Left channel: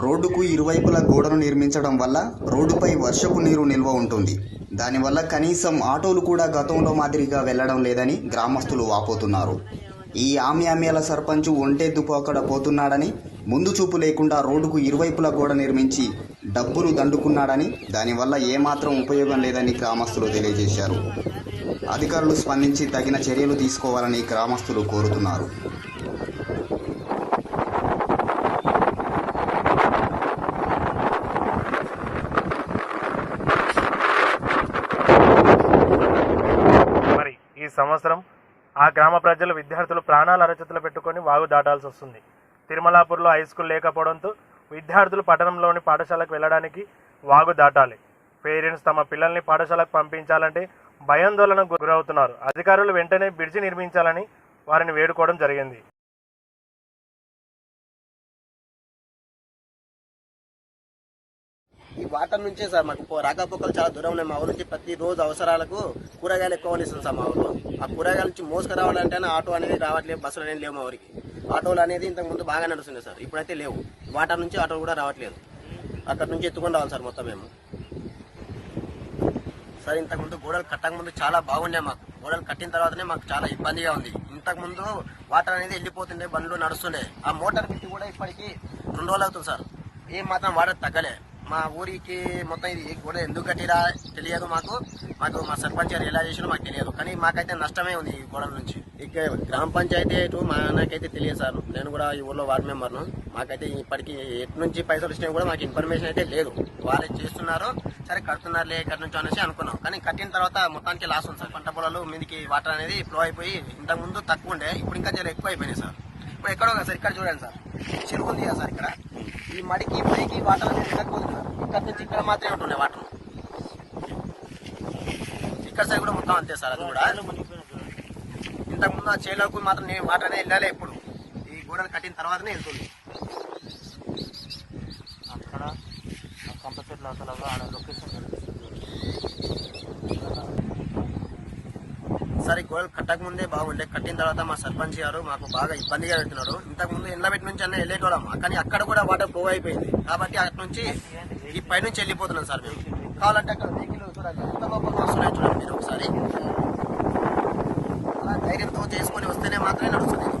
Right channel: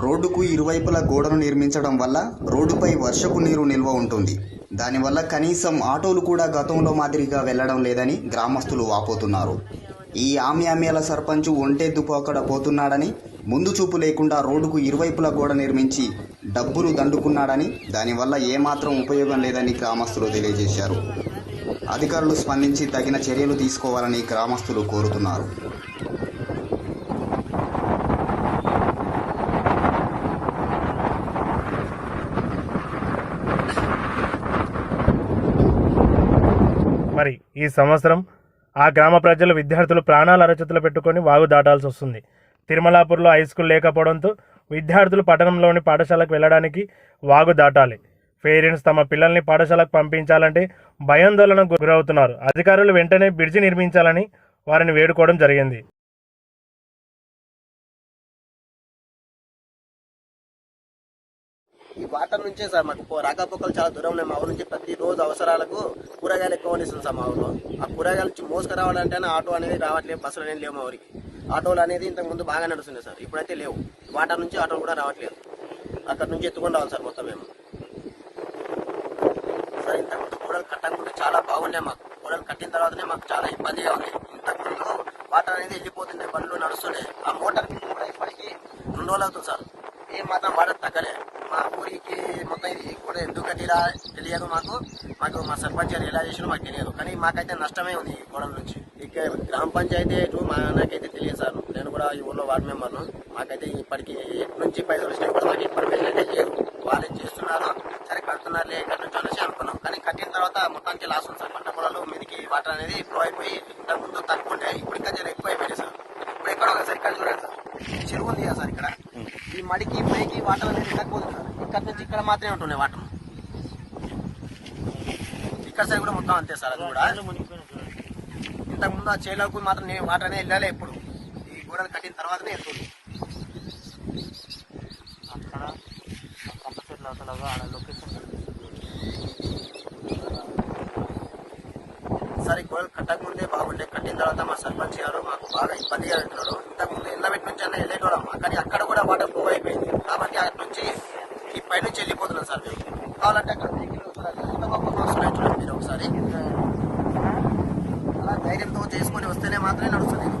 రోడ్డుకు ఇరువైపులా గోడను నిర్మించడం వల్ల రోడ్డుపై వర్షపు నీరు నిల్వ ఉంటుంది. దానివల్ల కనీసం ఆటోలు కూడా గతంలో మాదిరిగా వెళ్ళడం లేదని గ్రామస్తులు వాపోతున్నారు. ఈ ఆమ్యామ్యాల సర్పంచ్ ఒంటే అక్కడ పోతున్నాడని ముందు చూపు లేకుండా రోడ్డుకు ఇరువైపులా గోడ నిర్మించి డబ్బులు దండుకున్నాడని దానివల్ల ఏమాత్రం ఉపయోగం లేదని గ్రామస్తులు తెలియజేశారు. అధికారులు స్పందించి తగిన చర్యలు తీసుకోవాలని గ్రామస్తులు కోరుతున్నారు. ఈ సంవత్సరం ఆ గ్రామ ప్రజలు విద్యార్థులు ప్రాణాల అరచేతులు పెట్టుకొని వాగు దాటాల్సి వస్తుంది. తిరుమలాపూర్లో హై స్కూల్ లేకపోవడంతో విద్యార్థులు పట్టణంలోని పాఠశాలకు వెళ్ళడానికి వాగు దాటాలి. పేరెంట్స్ తమ పిల్లల్ని పాఠశాలకు పంపించాలంటే భయాందోళనకు గురవుతున్నారు. అధికారులు వెంటనే బ్రిడ్జి నిర్మించాలని వారిని వేడుకోవడం జరిగింది. ఈ వాటర్ నుంచే సార్ మాకు రాకపోకలు చాలా దూరం ఉన్నాయి. మా ఊరు నుంచి ప్రతి రోజు అవసరాలకు కూరగాయలు ఎక్కువ వండిస్తుంది సార్ మా ఊర్లో. ఆ కూరగాయల నుంచి మోసుకురావాలంటేనే ఆటో అనేది రావట్లేదు బస్సులు అనేది లేవు మా ఊరికి. ఆటోలు అనేది ఇంతకుముందు బాగా నడుస్తుంది సార్. ఇప్పుడైతే లేవు. వాటర్ నుంచి ఆటో కూడా రావట్లేదు. అక్కడ నుంచి ఎత్తుకొని రావాలి సార్ మొత్తం మేము. సార్ ఇంతకుముందు గోడలు కట్టకముందు చాలా బాగుండే మాకు. గోడలు కట్టిన తర్వాతనే మాకు చాలా ఇబ్బందిగా ఉంది. ఇంతకు ముందు వాటర్ అనేది వెళ్ళిపోతుండే బండ్లు నడుస్తుండే. ఆ మోటార్ బిల్లు కూడా ఇప్పటికి రెండు రోజులు అవుతుంది సార్. ఏం మాత్రం వాడదు తగ్గలే. మా ఊరికి మొత్తం ఇది కూడా ఎందుకు కట్టిరా తెలియదు మాకు. మాకు మా సర్పంచ్ గారు ఎలా చేసినా మాకు తెలియదు. కానీ మాకైతే నష్టమే ఉంది ఈ గోడల నుంచి. ఇక గ్రామ పంచాయతీ ఇటు మా నాకైతే తెలియదు సార్. నేను కూడా ఈ ఊర్లో వార్డు మెంబర్ను మాకైతే ఇప్పటికి ఎటు నుంచి పైసలు వచ్చినా కూడా మాకు ఇన్ఫర్మేషన్ అయితే లేదు. వాళ్ళు చేస్తున్నారు. సరే కడుతున్నారులే ఎక్కడి అనేసి అనుకున్నాం. కానీ కట్టిన తర్వాత మొత్తానికి లాస్ ఉంది సార్. పంట పొలాలు మీదకి వాటర్ అనేది ఇప్పుడు అయిపోయి ఇంతకు ముందు తక్కువ ఉండే. ఇప్పుడు ఇంకా చాలా ఎక్కువ అయిపోయినాయి సార్. ఇప్పుడు ఎక్కడో కదా సార్? ఇక్కడ చూడండి సార్. చెరువు ఉంది సార్ ఇక్కడ? ఈ మడికి పైకి వాటర్ అనేది ఎక్కకపోతుంది సార్ ఇక్కడ నుంచి ఇక్కడ మాత్రమే ఉంటున్నాయి వాటర్. ఇక్కడ సైడ్ కూడా మొత్తం అంతే సార్ అది కూడా. ఇంతకు ముందు ఆ చేలోకి మాత్రం నేను వాటర్ అనేది వెళ్ళాలి ఎప్పుడు. ఈ గోడలు కట్టిన తర్వాతనే వెళ్తుంది. ఒకసారి గోడలు కట్టక ముందే బాగుండే. కట్టిన తర్వాత మా సర్పంచ్ గారు మాకు బాగా ఇబ్బందిగా పెట్టినారు ఇంతకుముందు ఎండబెట్టి నుంచి అన్న వెళ్ళేటోళ్ళం కానీ అక్కడ కూడా వాటర్ ఫ్లో అయిపోయింది. కాబట్టి అక్కడ నుంచి ఈ పై నుంచి వెళ్ళిపోతున్నాం సార్ మేము. కావాలంటే వస్తేనే మాత్రమే నడుస్తుంది.